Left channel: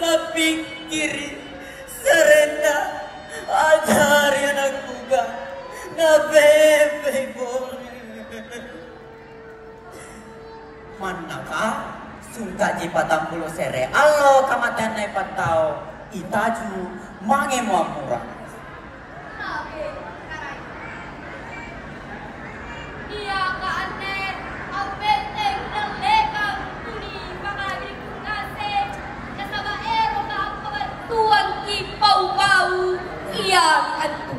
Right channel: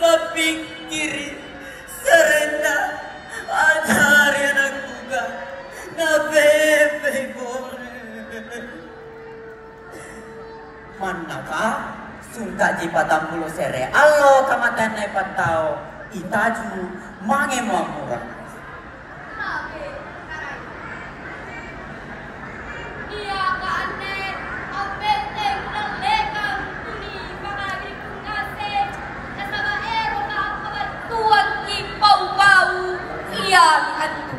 Lapikiri serenda ajari anak juga na bebe bore manapa sungka jipa tampulo sere alo kamatan na ipatao itaju mange muamura iya kaane ambeteng nalekang tuni pangagri kungase kasaba ero ka kabantuan ki pau-pau iya antu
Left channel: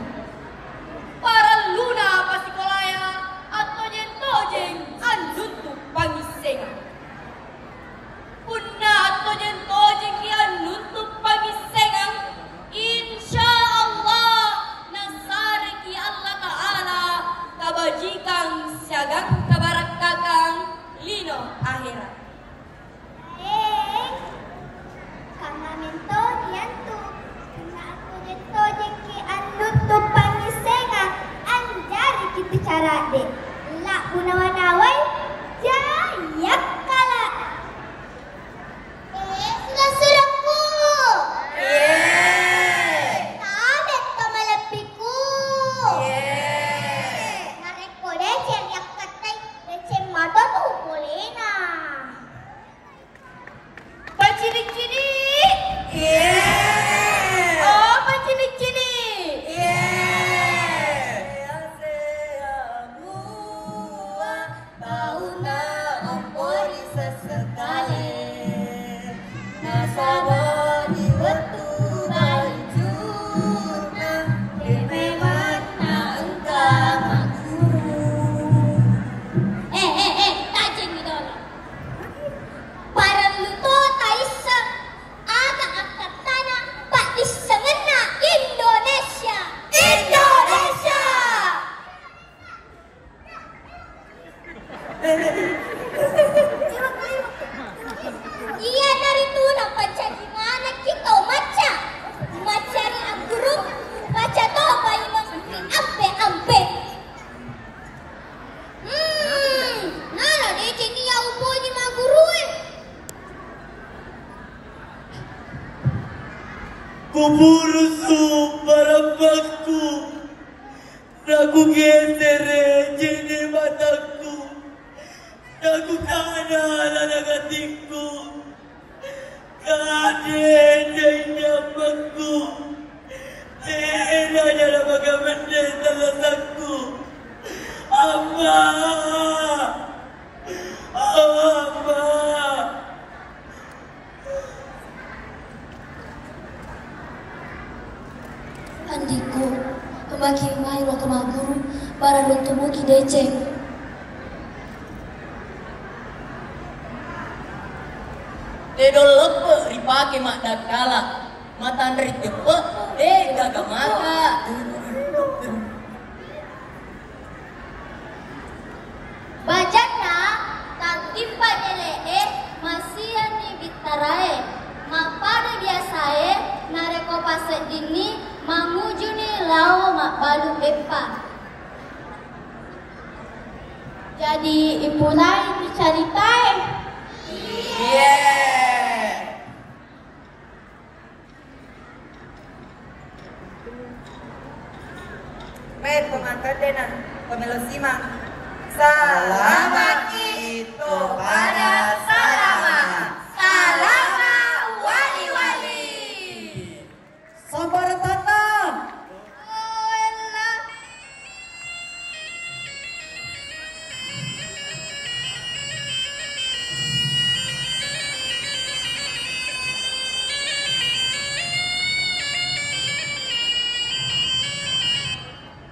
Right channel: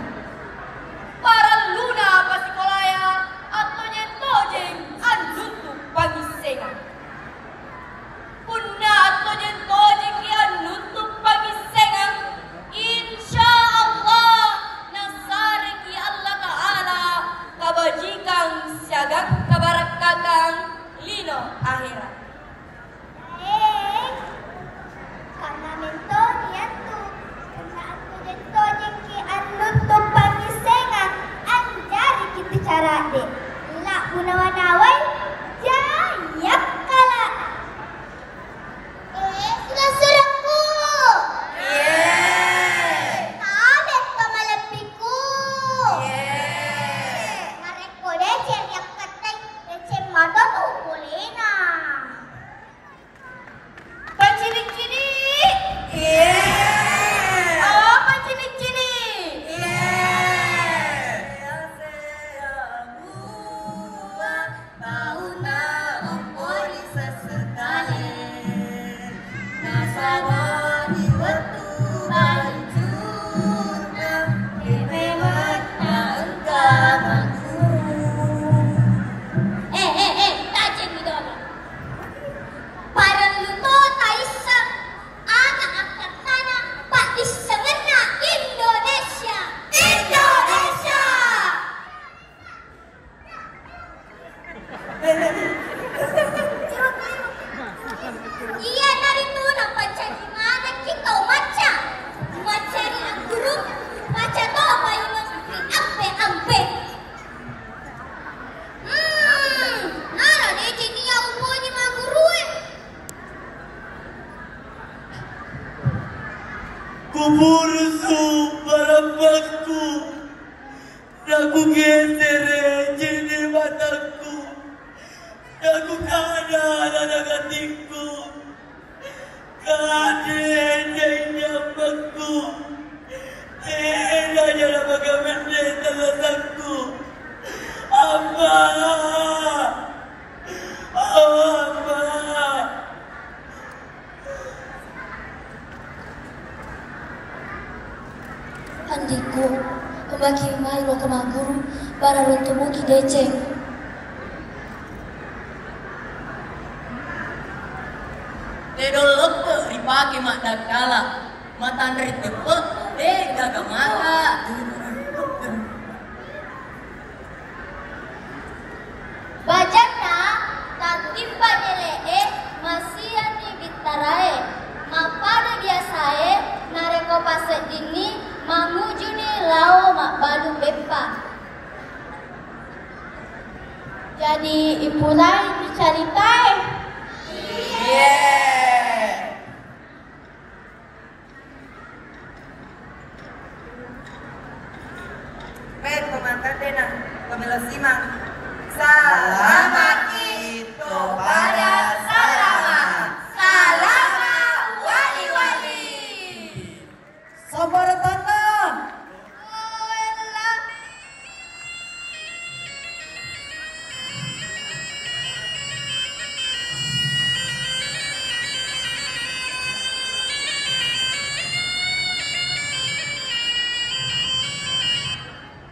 para luna pasikolaya atau nyentojeng anjuntu pangisengan punna atau nyentojeng ki anjuntu pangisengan insya Allah nasare ki Allah Ta'ala kabajikang siagang kabarakakang lino akhirat karena mento niantu karena aku jento jengki anutut pangisengan anjari kita cara dek lak gunawanawai jayak kala sudah serangku abet kamalapiku nareko decen yak katay decen mata tuh kulina Pacini-cini. Oh, pacini-cini. tajin gitu apa? Para luto taisa aga angkat tanah Pak disengena Indonesia. Indonesia. Iya dari itu nampak cari mana kita maca macari ang guru maca to apa yung ampe. Nara di sini ya uponya mga guru kuburusu barabakku naku getere jini mataku naku kada nanagatiku kadenya nyamaku ena jala magamende talasaku amma Andiku, memakai mairo ke maguru para lutubuki deceng. Dedolopo ripake mak dakala matan ritepe daga mata Bajana tatimpa nelede masiani bitarae mapada biasae nareko pasedini mangujuni lao makbalu bepa. Jadi ibu lain dicaritai. yeah.